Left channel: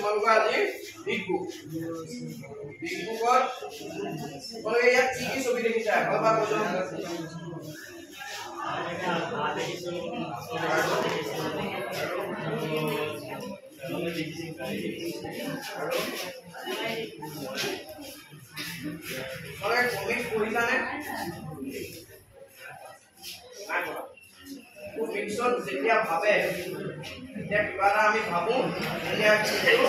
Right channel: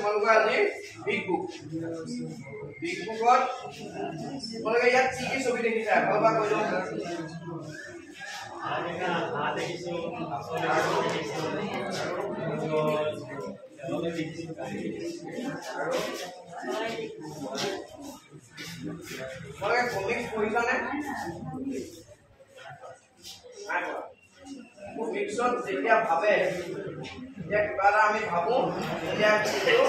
তোমালোকৰ আজি big book big বুকত তোমালোকে ইয়াত কি ছবি দেখিছা ভালবা কৈ যোৱা দেখিছো তোমালোকে কমিক্স পঢ়িছানে নাই পঢ়া কমিক্সত যেতিয়া ভাবে যেতিয়া কিবা এটা আমি ভাবো তেতিয়া কিন্তু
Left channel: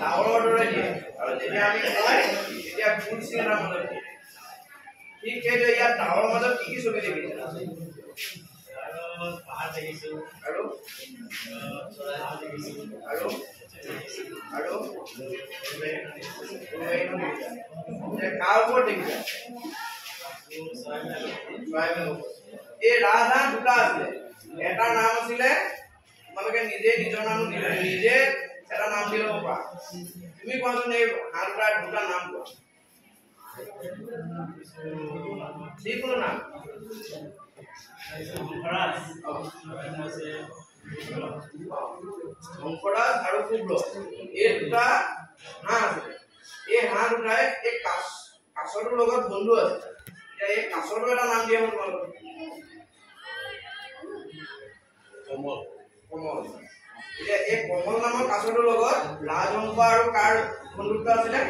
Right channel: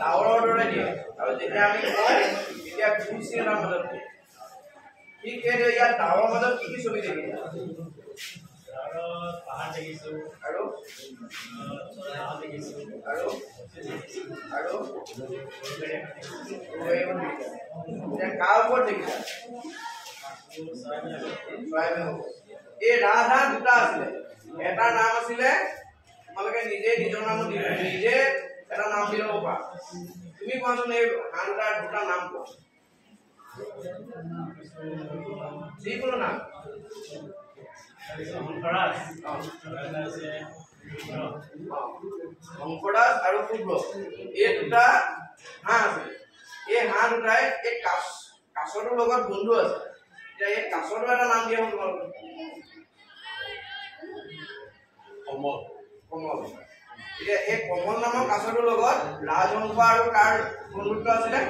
ডাৱৰৰ দৰে দিয়ে আৰু যেতিয়া আমি কওঁ তেতিয়া গুণ চিন এটাৰ মাজত দিয়ে ঠিক সেইদৰে ইয়াত ডাৱৰৰ মাজত কি ছবি দেখিছা পাহাৰ দেখিছো আৰু আৰু আৰু কাৰ ওপৰত দেখিছা এই ৰাজহাঁহ দুটা আছিলে এটাৰ নাম আছিলে তোমালোকে নিজে নিজৰ নাম নিজে এটা নাম দি ল'ব পাৰা তুমি কোৱাচোন এই হাঁহ দুটা নাম কোৱা যিকোনো নাম শংকৰদাস আৰু শুভ্ৰ এই দুটা হাঁহ আছে এই হাঁহ দুটাই এই কাছটোৰ লগত বন্ধু আছে এতিয়া এই কাছটো এটা নাম দিয়া হ'ল তোমালোকৰ কমল কমল এতিয়া এই কমল নামৰ কাছটোৰ লগত ৰাজহংস আৰু কাৰ বন্ধুত্ব আছিলে